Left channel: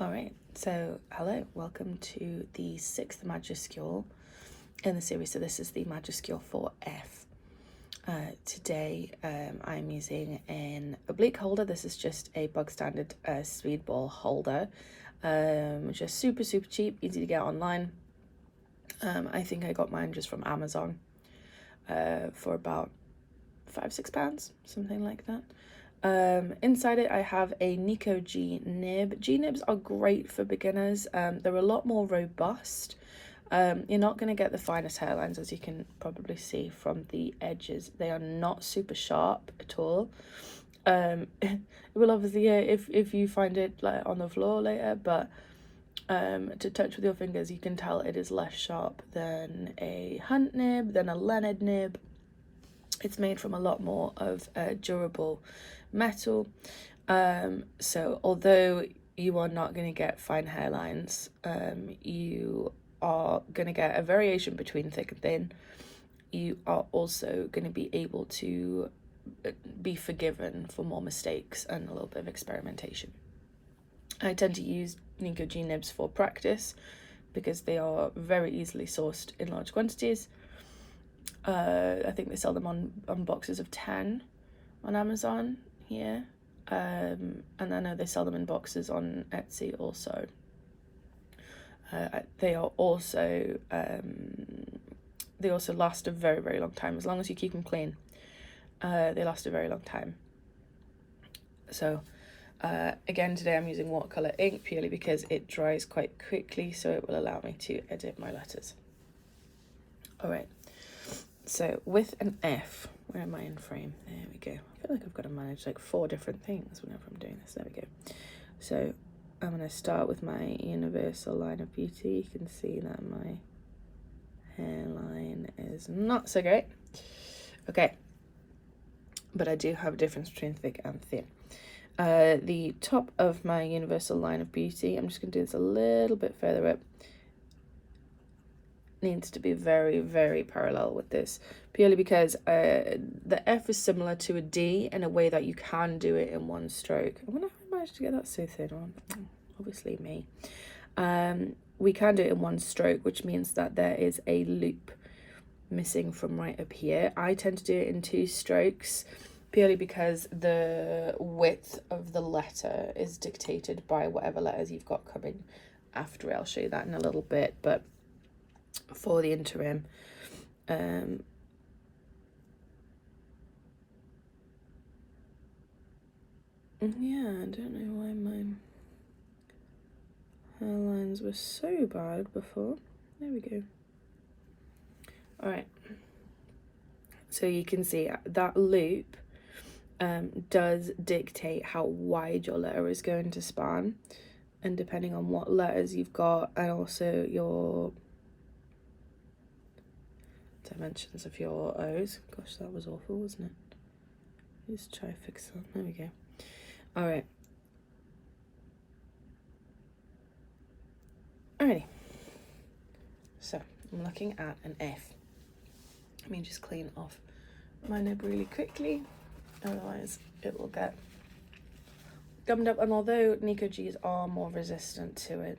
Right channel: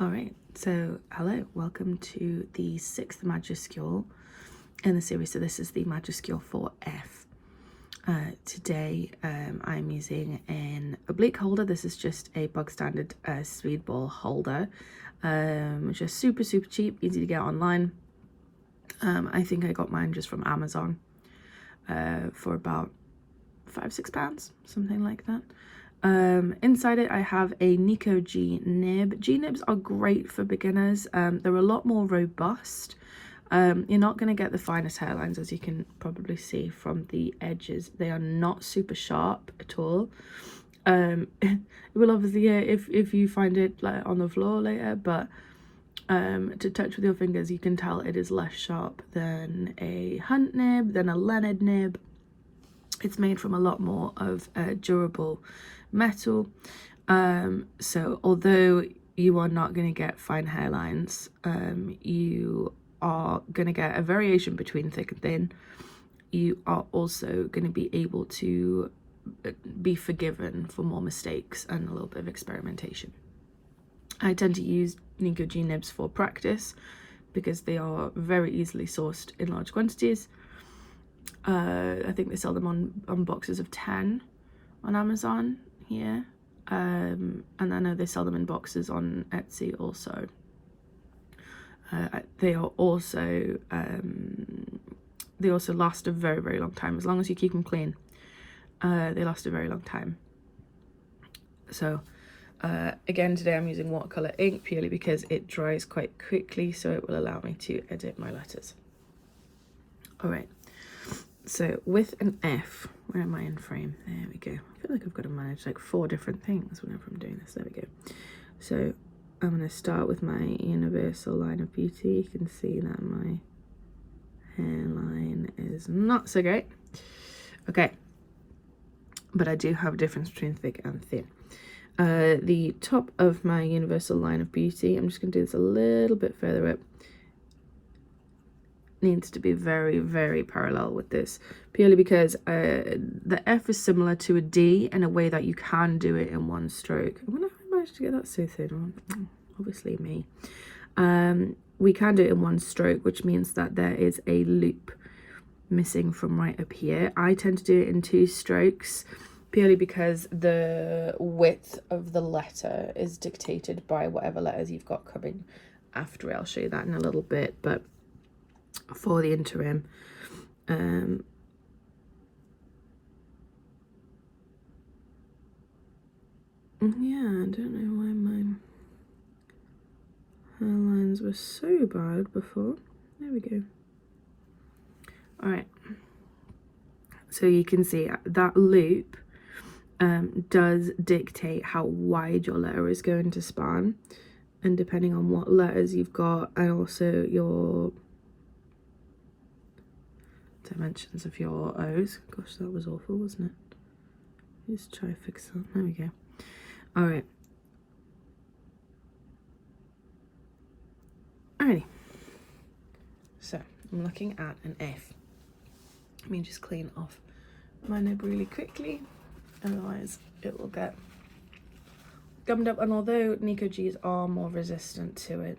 All right, so hello, welcome to the 6th Majuscule in the series. So this is the Majuscule for F. Today I'm using an oblique holder. This is just a bog standard speedball holder, which is super cheap, easy to get online. I think I got mine just from Amazon for about £5-6, something like that. Inside it I have a Nico G nib. G nibs are great for beginners. They're a lot more robust. You're not going to get the finest hairlines, as you can probably see from the edges. They are not super sharp at all. It will obviously, if you find it like on the floor later, but to touch with your fingers you can tell it is less sharp than a Hunt nib, than a Leonard nib. It's made from a lot more of durable metal, so although you are not going to get fine hairlines, you are going to get a variation between thick and thin. You are also going to be able to be forgiven for more mistakes and a little bit of experimentation. I tend to use Nico G nibs for practice because they are very easily sourced in large quantities. I think they sell them on boxes of 10 on Amazon here, and I know they sell them in boxes on Etsy also. They are also they also last a very long time, as long as you keep them clean. They last a very long time. So again, today I'm using watercolor ink purely because it dries quite quickly, so it will allow me to edit my letters. All right. So with an F, where am I in frame? There we go. I feel like I've got to manage like 4 different things whenever I'm doing this. There we go. So I'm going to start with my universal line of beauty. You can see that my hairline is not so great. Okay. But I do have a difference between thick and thin. The top of my universal line of beauty, I'm just going to do this a little bit further up, needs to be very parallel with this, purely because the F is similar to a D in a way that you can do it in one stroke. I wonder if I managed to get that so thin on. Obviously me. We can do it in one stroke, which means that there is a loop missing from right up here. I tend to do it in 2 strokes purely because the width of the letter is dictated by whatever letters you've got coming after it. I'll show you that in a little bit, but for the interim, yeah, I don't know why my hairlines were so bad before. There we go. All right, so you can see that loop does dictate how wide your letter is going to span, and depending on what letters you've got and also your dimensions of your O's. Gosh, that was awful, wasn't it? Let's try to fix that. There we go. All right. Alrighty. So I'm looking at an F. Let me just clean off my nib really quickly, otherwise it will get gummed up. And although Nico G's are more resistant to it,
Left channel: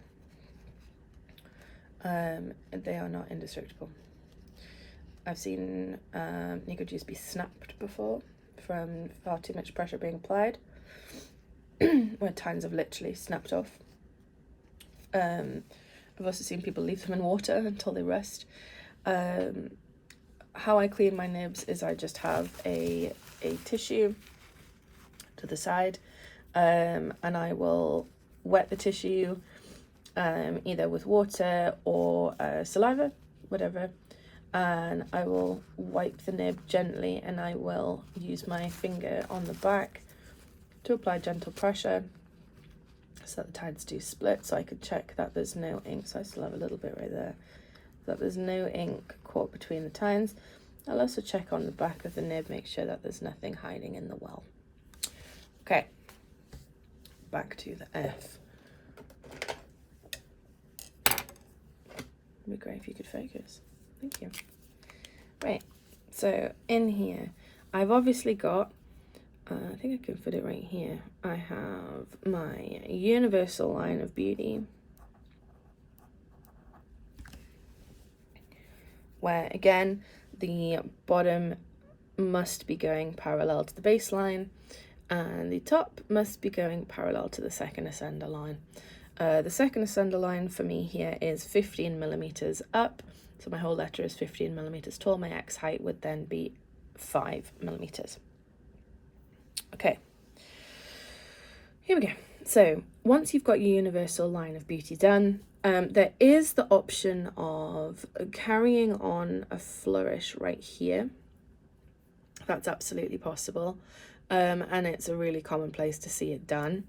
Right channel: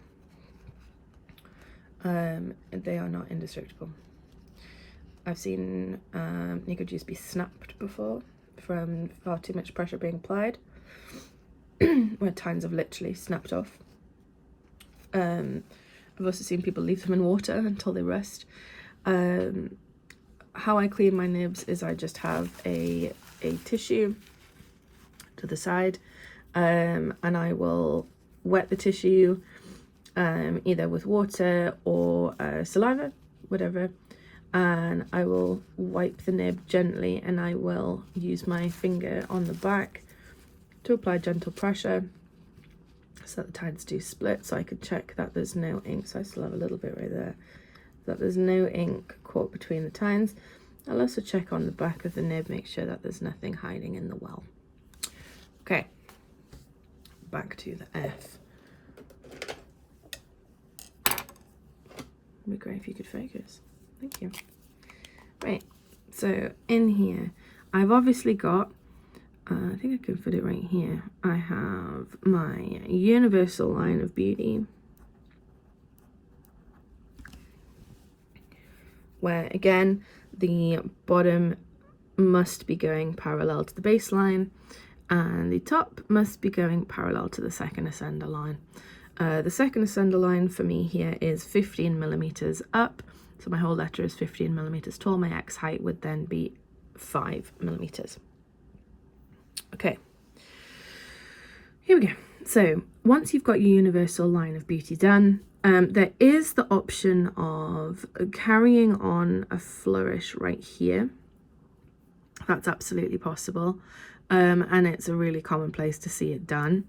they are not indestructible. I've seen Nico G's be snapped before from far too much pressure being applied, where tines have literally snapped off. I've also seen people leave them in water until they rust. How I clean my nibs is I just have a tissue to the side, and I will wet the tissue either with water or saliva, whatever, and I will wipe the nib gently, and I will use my finger on the back to apply gentle pressure so that the tines do split, so I can check that there's no ink. So I still have a little bit right there, that there's no ink caught between the tines. I'll also check on the back of the nib, make sure that there's nothing hiding in the well. Okay, back to the F. It'd be great if you could focus. Thank you. Right, so in here I've obviously got I think I can fit it right here. I have my universal line of beauty, where again the bottom must be going parallel to the baseline and the top must be going parallel to the second ascender line. The second ascender line for me here is 15 millimeters up, so my whole letter is 15 millimeters tall. My X height would then be 5 millimeters. Okay, here we go. So once you've got your universal line of beauty done, there is the option of carrying on a flourish right here. That's absolutely possible, and it's a really common place to see it done.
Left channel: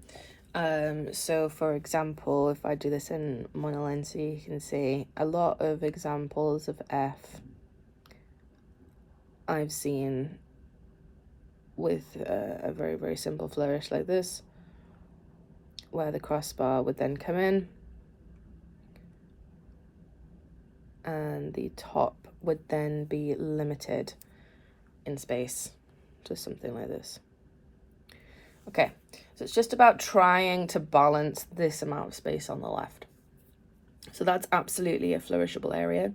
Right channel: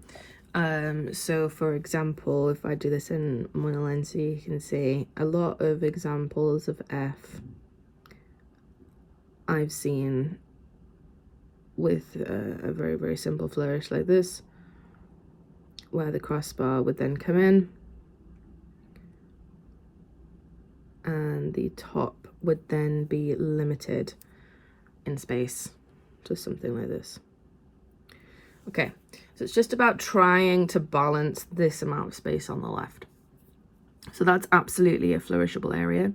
So for example, if I do this in monolensi, you can see a lot of examples of F I've seen with a very, very simple flourish like this, where the crossbar would then come in and the top would then be limited in space to something like this. Okay, so it's just about trying to balance this amount of space on the left. So that's absolutely a flourishable area.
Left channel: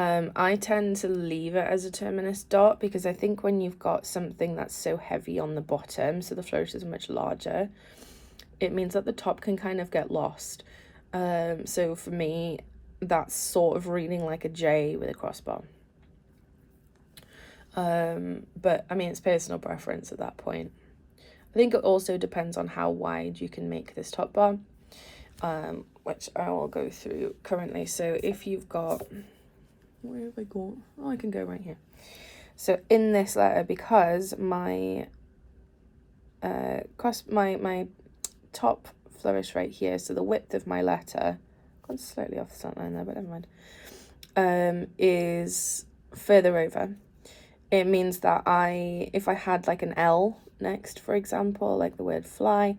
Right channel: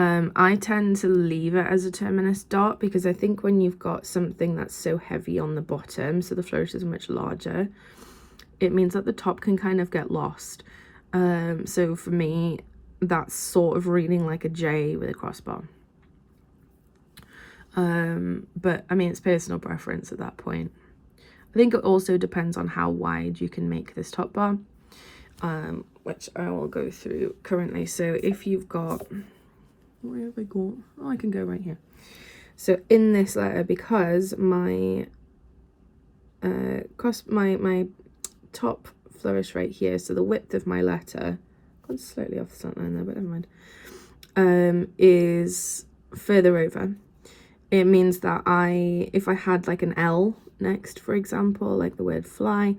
I tend to leave it as a terminus dot because I think when you've got something that's so heavy on the bottom, so the flourish is much larger, it means that the top can kind of get lost. So for me, that's sort of reading like a J with a crossbar. But I mean, it's personal preference at that point. I think it also depends on how wide you can make this top bar, which I will go through currently. So if you've got, where have I got? Oh, I can go right here. So in this letter, because my my top flourish right here, so the width of my letter, gone slightly off the slant line there, but never mind, is further over. It means that if I had like an L next, for example, like the word fly,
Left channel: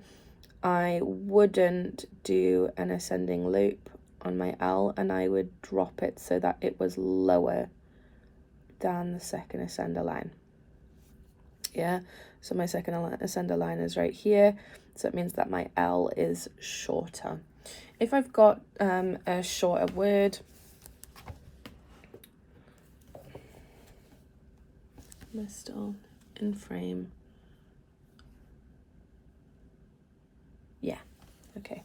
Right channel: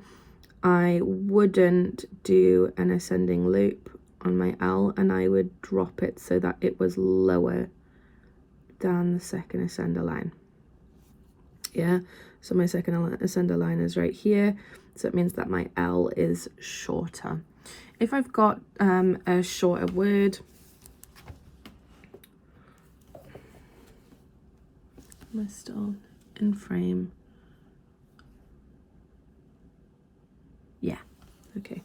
I wouldn't do an ascending loop on my L, and I would drop it so that it was lower than the second ascender line. Yeah, so my second ascender line is right here, so it means that my L is shorter. If I've got a shorter word, mist on in frame. Yeah, okay.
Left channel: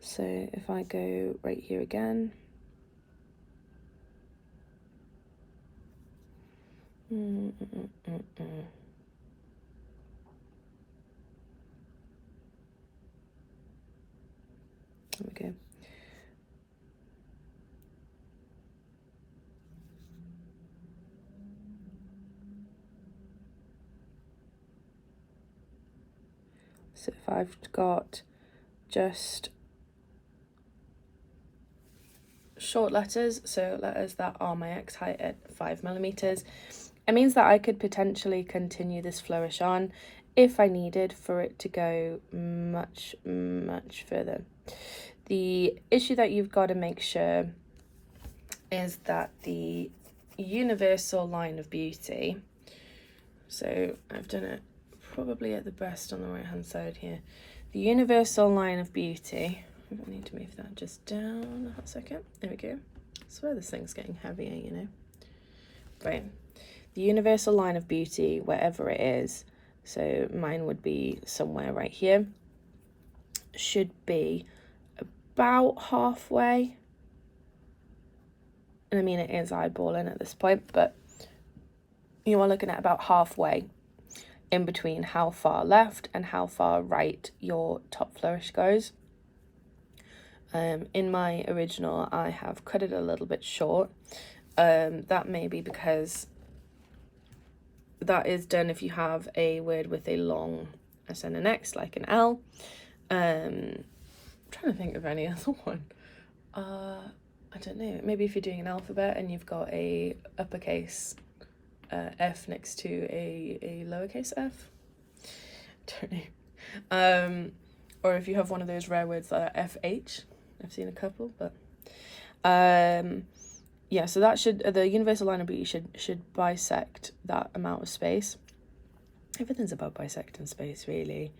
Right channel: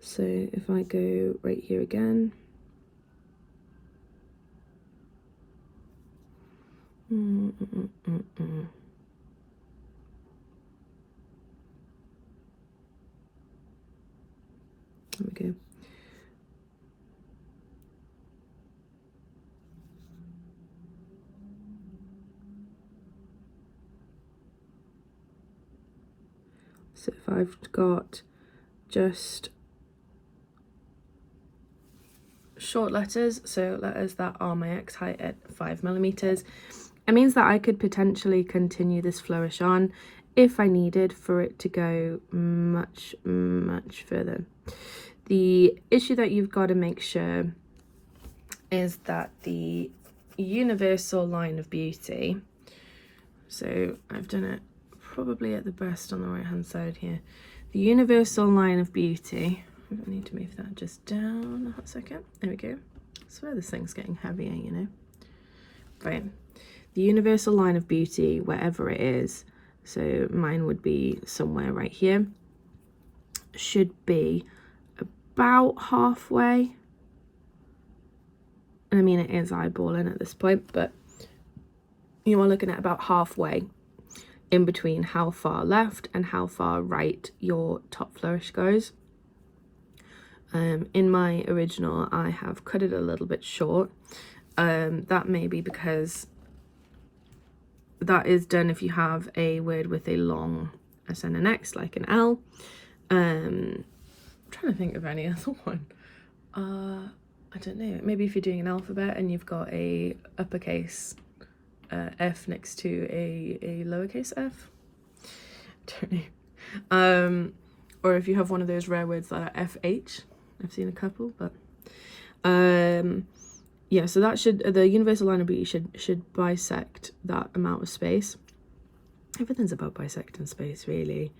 So if I go right here again, there we go. So if I've got just short letters, so letters that are my X height at 5 millimeters, it means that I could potentially continue this flourish on if I needed for it to go much, much further. The issue that you've got to make sure is that the universal line of beauty, so I've done it probably at the best on the right hand side here, the universal line of beauty, I need to move that just down a second, there we go. I swear this thing's getting heavier, you know. Right, the universal line of beauty, wherever it is, so mine would be somewhere right here, should be about halfway. And I mean, it is eyeballing at this point, but you are looking at about halfway in between how far left and how far right your top flourish goes. In my original, I have cut it a little bit short. That may be because that is done if you have a word with a long ascending next, like an L. I'm trying to think of any other one. I don't know, maybe if you're doing an alphabet and you've got a uppercase F next to a lowercase f. Don't know. Or if you have one of those rare words that are FH. I've seen a couple, but yeah, so that should, the universal line of beauty should bisect that amount of space. everything's about bisecting space, really.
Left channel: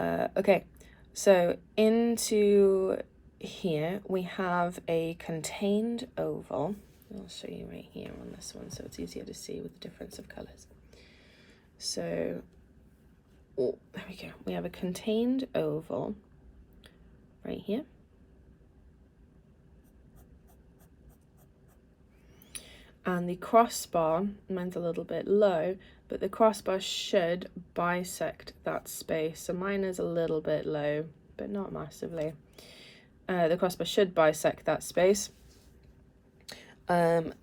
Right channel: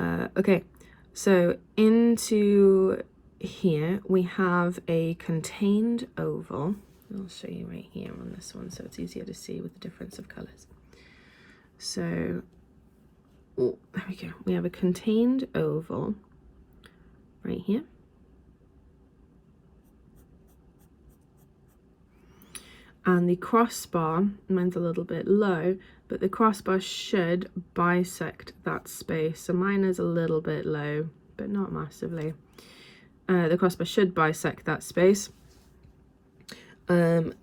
Okay, so into here we have a contained oval. I'll show you right here on this one so it's easier to see with the difference of colors. So, oh, there we go. We have a contained oval right here. And the crossbar, mine's a little bit low, but the crossbar should bisect that space. So mine is a little bit low, but not massively. The crossbar should bisect that space. And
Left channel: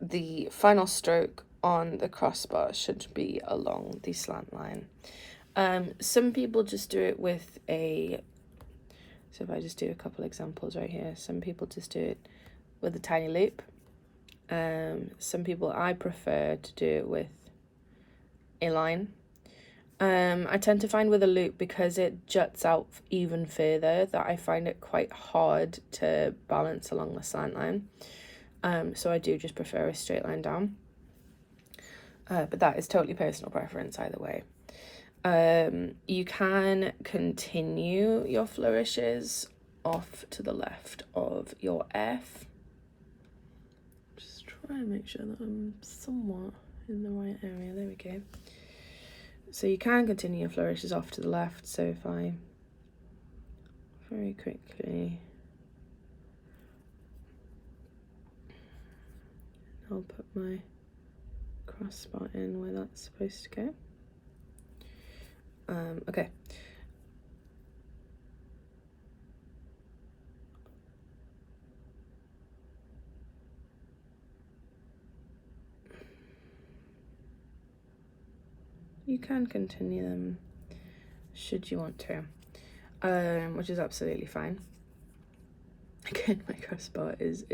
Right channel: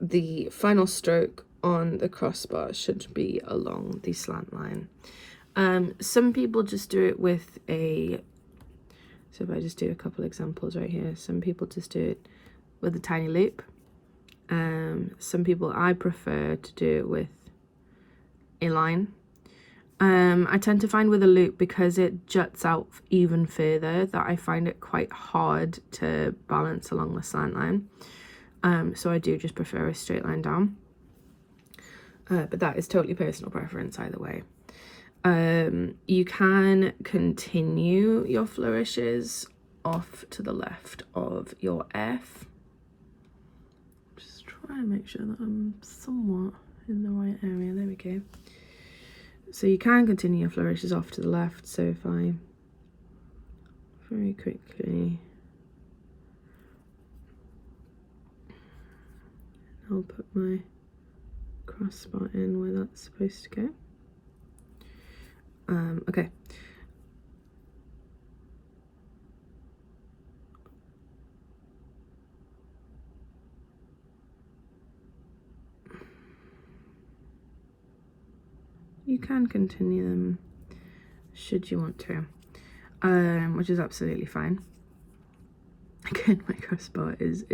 the final stroke on the crossbar should be along the slant line. Some people just do it with a, so if I just do a couple examples right here, some people just do it with a tiny loop. Some people, I prefer to do it with a line. I tend to find with a loop, because it juts out even further, that I find it quite hard to balance along the slant line. So I do just prefer a straight line down. But that is totally personal preference either way. You can continue your flourishes off to the left of your F. Just try and make sure that I'm somewhat in the right area. There we go. So you can continue your flourishes off to the left. So if I very quickly, I'll put my crossbar in where that's supposed to go. Okay. You can continue them should you want to, which is absolutely fine. Again, my crossbar is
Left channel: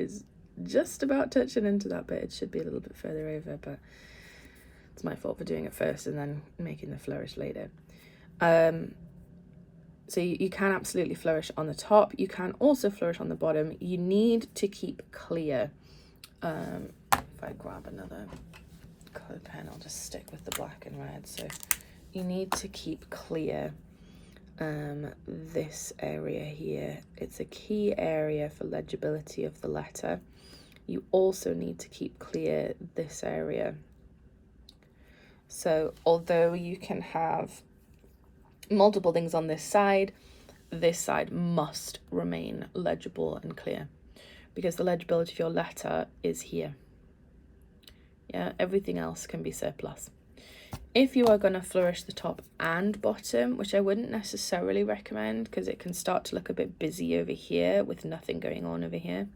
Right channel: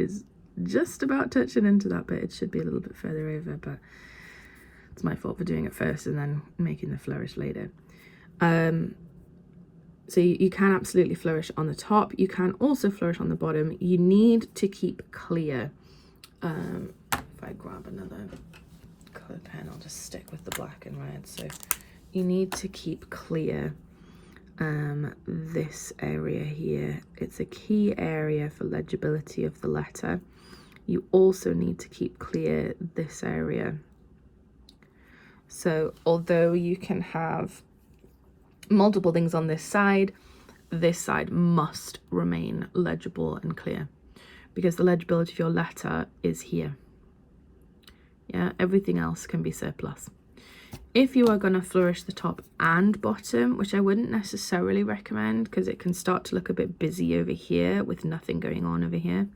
just about touching into that bit. It should be a little bit further over, but it's my fault for doing it first and then making the flourish later. So you can absolutely flourish on the top. You can also flourish on the bottom. You need to keep clear. If I grab another colored pen, I'll just stick with the black and red. So you need to keep clear this area here. It's a key area for legibility of the letter. You also need to keep clear this area. So although you can have multiple things on this side must remain legible and clear, because the legibility of your letter is here. Yeah, everything else can be surplus. If you are going to flourish the top and bottom, which I wouldn't necessarily recommend, because it can start to look a bit busy over here with nothing going on over here,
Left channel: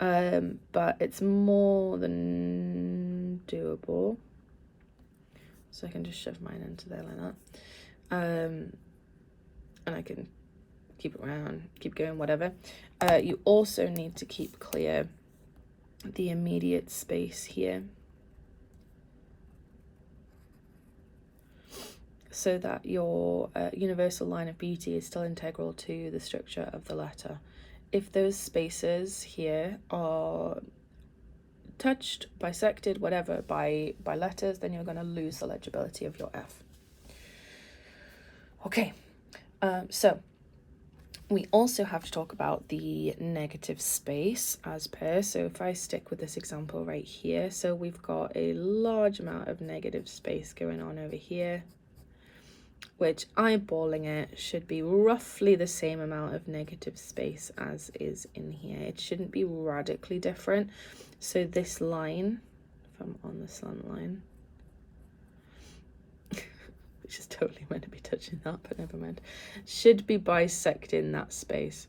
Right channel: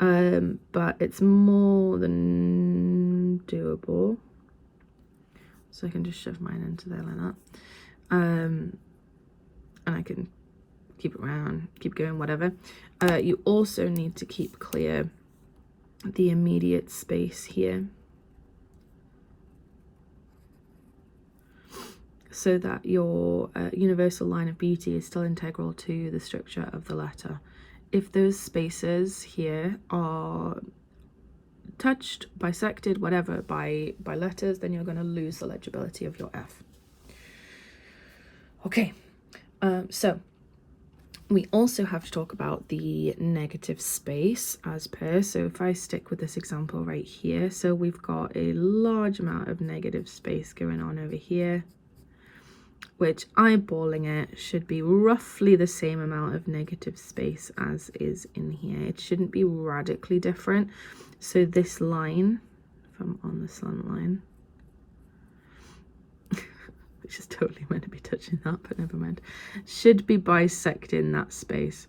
but it's more than doable. So I can just shove mine into there like that. And I can keep it around, keep going, whatever. You also need to keep clear the immediate space here, so that your universal line of beauty is still integral to the structure of the letter. If those spaces here are touched, bisected, whatever, by letters, then you're going to lose the legibility of your F. Okay, so we also have to talk about the negative space as per. So if I stick with this example right here, so we've got a large amount of negative space going on over here, which eyeballing it should be roughly the same amount of negative space as is in here. It shouldn't be radically different. So this line, if I'm on the slant line, which is totally meant to be touching that, but never mind, should be bisecting that space.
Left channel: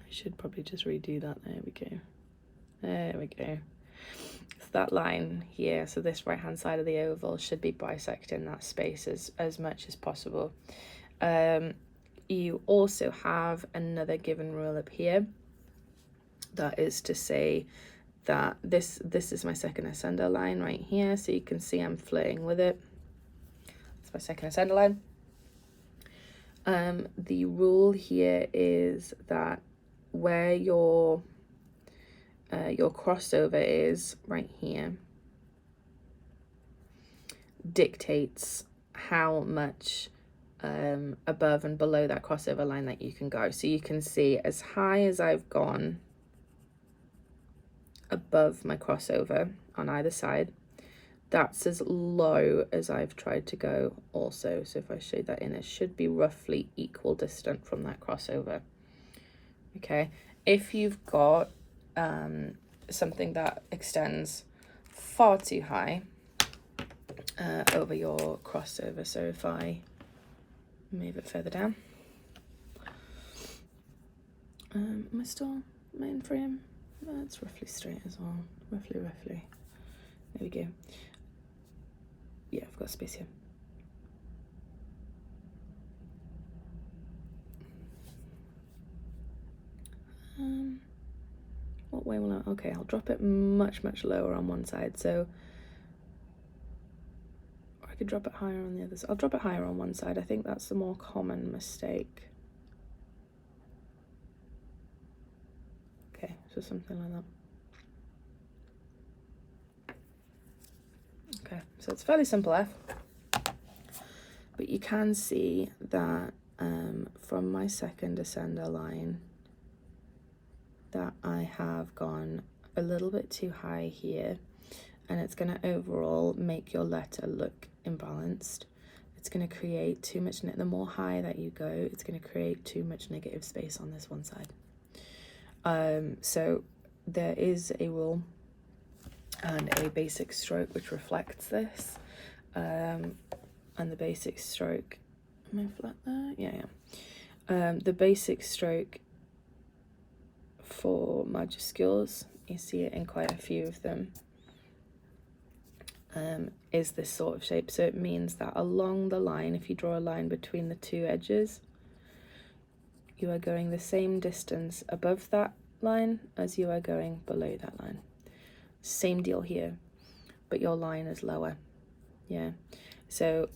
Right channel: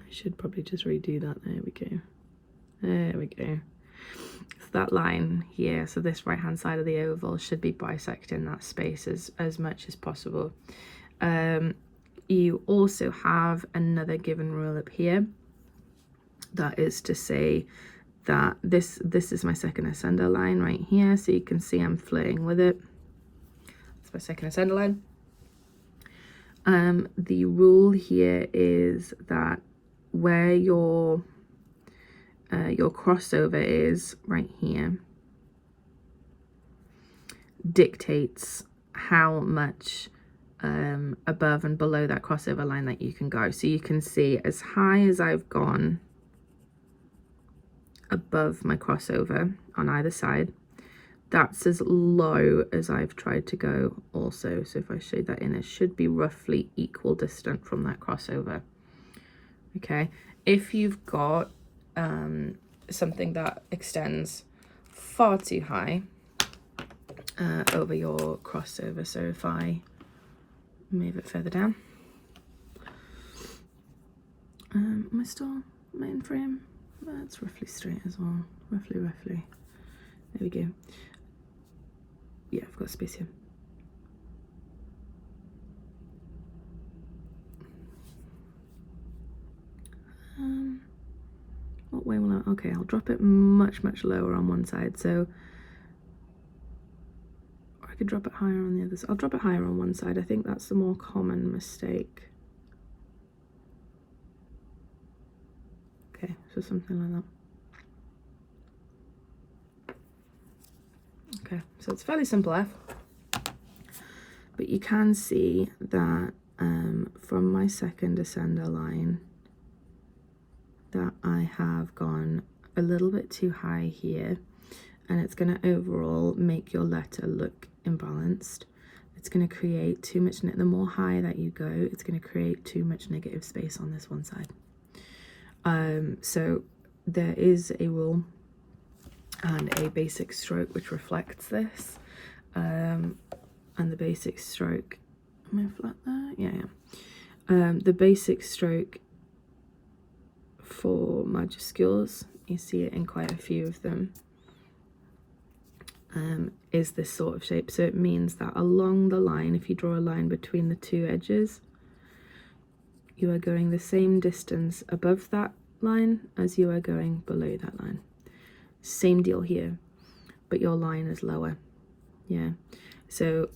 I should probably just redo that. There we go. There we go. So that line here, so this right hand side of the oval, should be bisecting that space as much as possible. You also have another given rule up here. That is to say that this is my second ascender line right here, so you can see I'm flirting with it. My second ascender line. The rule here is that where your crossover is right here, dictates how much above and below that crossover line that you can go. So you can see as high as I've gone above my crossover on either side, that's as low as I've tried to go also. So if I shade that in, it should be roughly equal distant from that crossover. Okay, if you've got something that extends far too high over your crossover, so if I move it further down, am I still main frame? That's roughly straight as well, roughly. There we go. Yeah, I've got space here. What way will I? Okay, I'll drop it much lower on one side. So I could drop it higher on the other side. I'll drop it higher on one side. I think that's the more common mistake. Okay, so something like that. Okay, so it's fairly simple F, but you can see that from my second ascender line that I have gone a little bit too high here, and it's going to overall make your letter look imbalanced. It's going to create too much, the more high that you go, it's going to create too much negative space on this one side. So there is a rule and a basic stroke which reflects this, and the basic stroke, am I flat there? Yeah. The basic stroke for majuscules, you see it in quite a few of them, is this sort of shape. So it means that along the line, if you draw a line between the two edges, you are going the same distance above that line as you are going below that line. Same deal here, but your line is lower. Yeah, so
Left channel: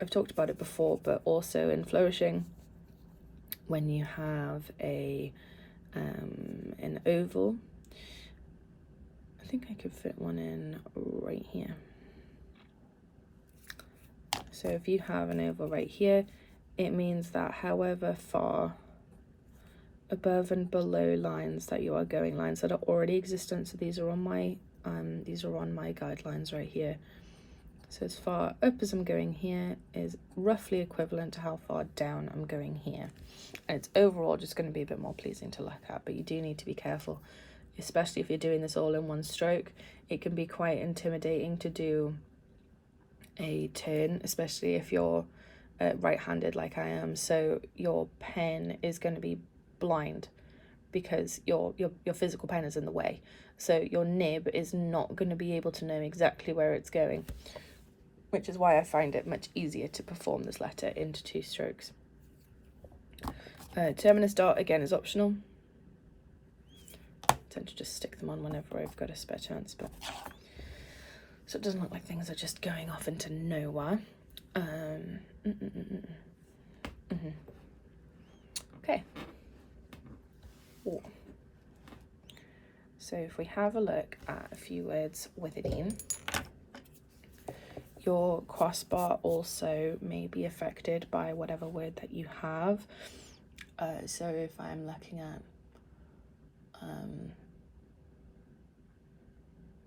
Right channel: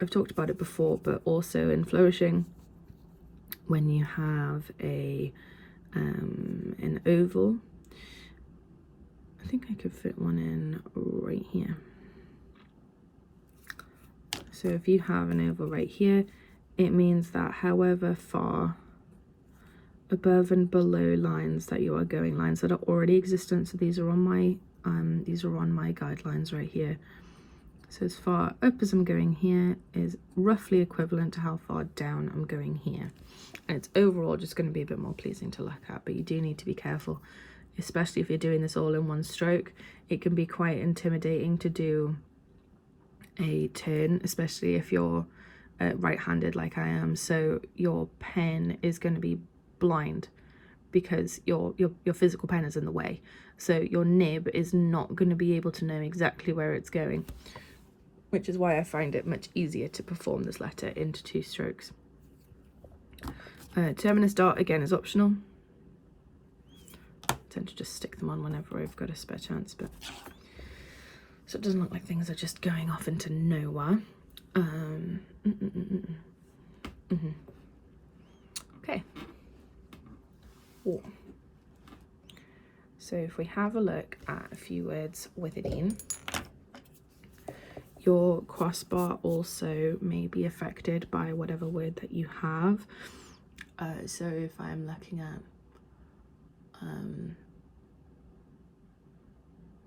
I've talked about it before, but also in flourishing, when you have an oval, I think I could fit one in right here. So if you have an oval right here, it means that however far above and below lines that you are going, lines that are already existent, so these are on my guidelines right here. So as far up as I'm going here is roughly equivalent to how far down I'm going here. And it's overall just going to be a bit more pleasing to look at, but you do need to be careful, especially if you're doing this all in one stroke. It can be quite intimidating to do a turn, especially if you're right-handed like I am. So your pen is going to be blind because your physical pen is in the way. So your nib is not going to be able to know exactly where it's going, which is why I find it much easier to perform this letter into two strokes. Terminus dot, again, is optional. I tend to just stick them on whenever I've got a spare chance, but so it doesn't look like things are just going off into nowhere. Okay. Ooh. So if we have a look at a few words with it in, your crossbar also may be affected by whatever word that you have. So if I'm looking at,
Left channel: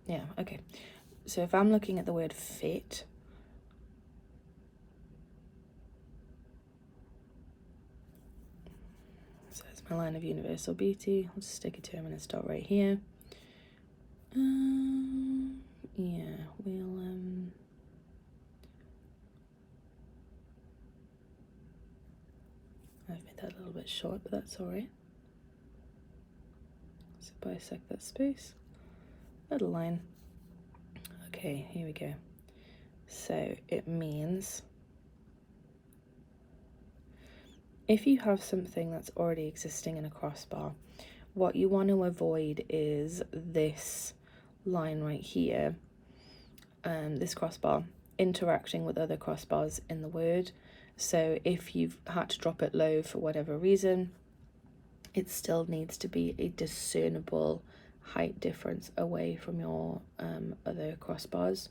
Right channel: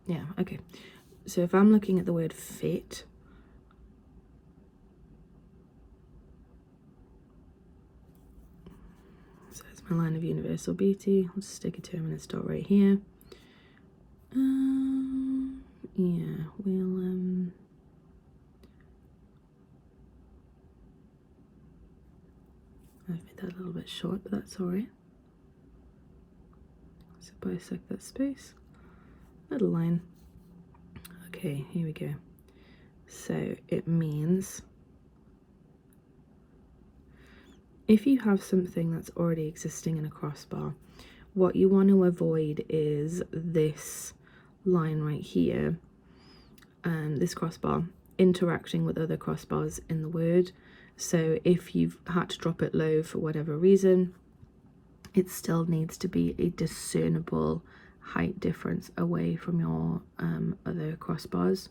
yeah, okay. So if I'm looking at the word fit, so it's my line of universal beauty. I'll just stick a terminus dot right here. Yeah, we'll I've made that a little bit short, but that's all right. So bisect that space, little line. Okay, here we go. So it means if you have something that's already existing in a crossbar, what you want to avoid is this line right here, this crossbar interacting with other crossbars in the word. So if you've had to drop it low for whatever reason, it still needs to be a discernible height difference away from your other crossbars.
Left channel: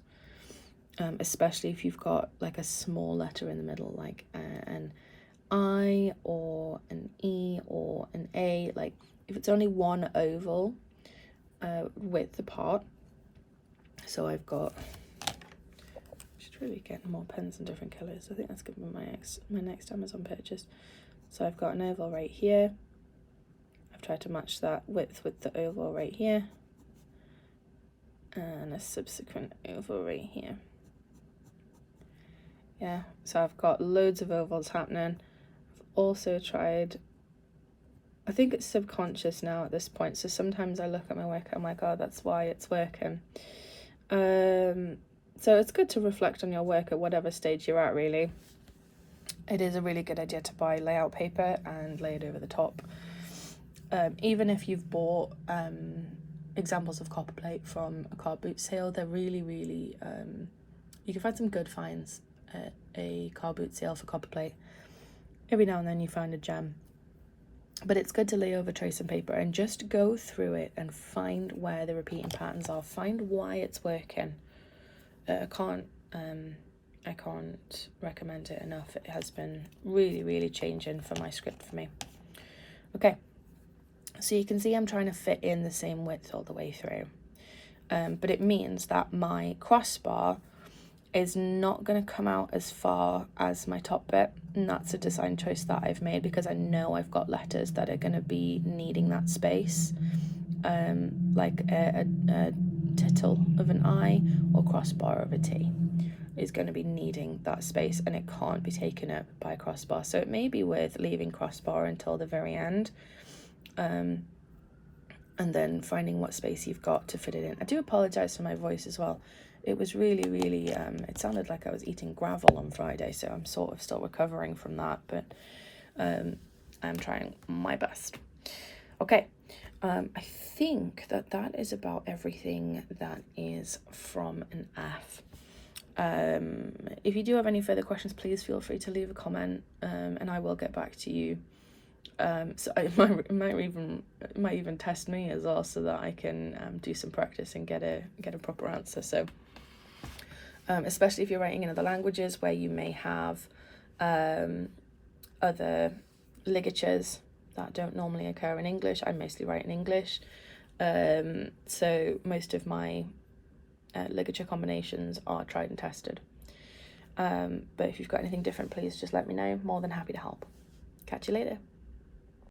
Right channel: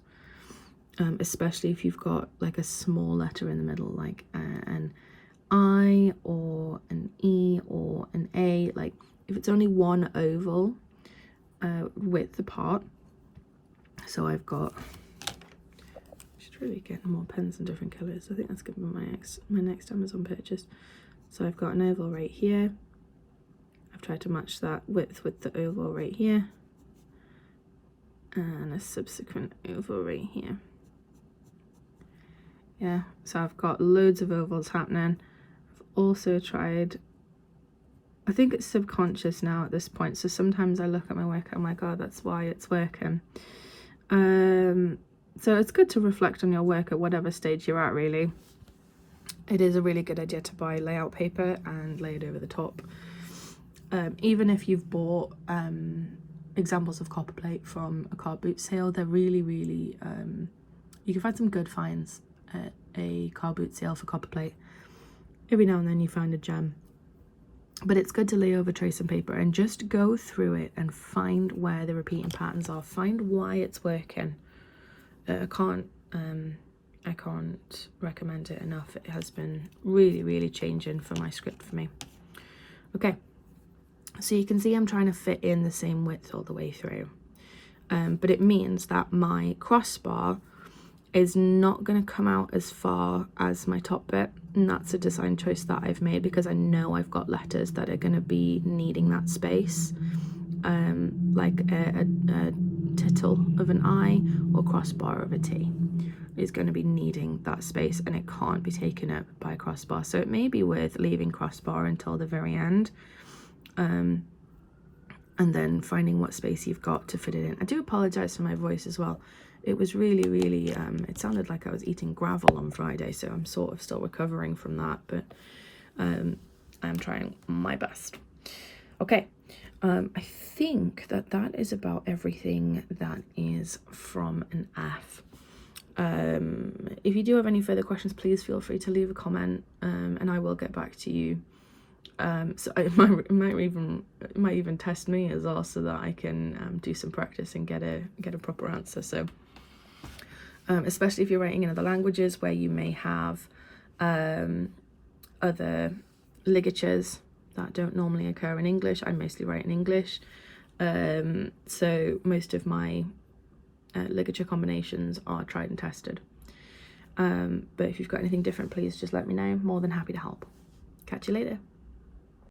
especially if you've got like a small letter in the middle, like an I or an E or an A. Like if it's only one oval width apart. So I've got, should really get more pens in different colours. I think that's gonna be my next Amazon purchase. So I've got an oval right here. I've tried to match that width with the oval right here, and a subsequent oval right here. Yeah, so I've got loads of ovals happening. I've also tried, I think it's subconscious now at this point, so sometimes I look at my work, I'm like, oh, that's why it's working. So it's good to reflect on your work at whatever stage you're at, really. It is a really good idea to buy layout paper and lay it over the top. Even if you've bought examples of Copperplate from a car boot sale, they're really, really, you can find some good finds at a car boot sale for Copperplate. Every now and then you find a gem. But it's good to lay over tracing paper and just go through it and find where the repeating patterns are. Find why it's working. I can't recommend it enough. It has been really, really changing for my script for me. Okay, so you can see I'm trying to fit in the same width all the way through. But it means that my crossbar is not going to come out as far as my top bit, and that's a design choice that I've made because I know I've got letters that are going to be needing that space, like a tittle of an I or crossbar of a T is going to be needing that space, and it can't be taken up by a crossbar. So it may be worth leaving crossbar until the very end, and then finding what space you've got to fit it in. I do apologize for my voice as well. It was really, really, it sounded like I was eating gravel on Friday, so I'm sort of still recovering from that, but I'm trying my best. Okay, I think that is about everything that is from an F. If you do have any further questions, please feel free to leave a comment, and I will get back to you. So it might even test me as well, so that I can do some practice and get a proper answer. So especially if you're writing in other languages where you may have other ligatures that don't normally occur in English. I mostly write in English, so most of my ligature combinations are tried and tested. But if you've got anything different, please just let me know. More than happy to help. Catch you later.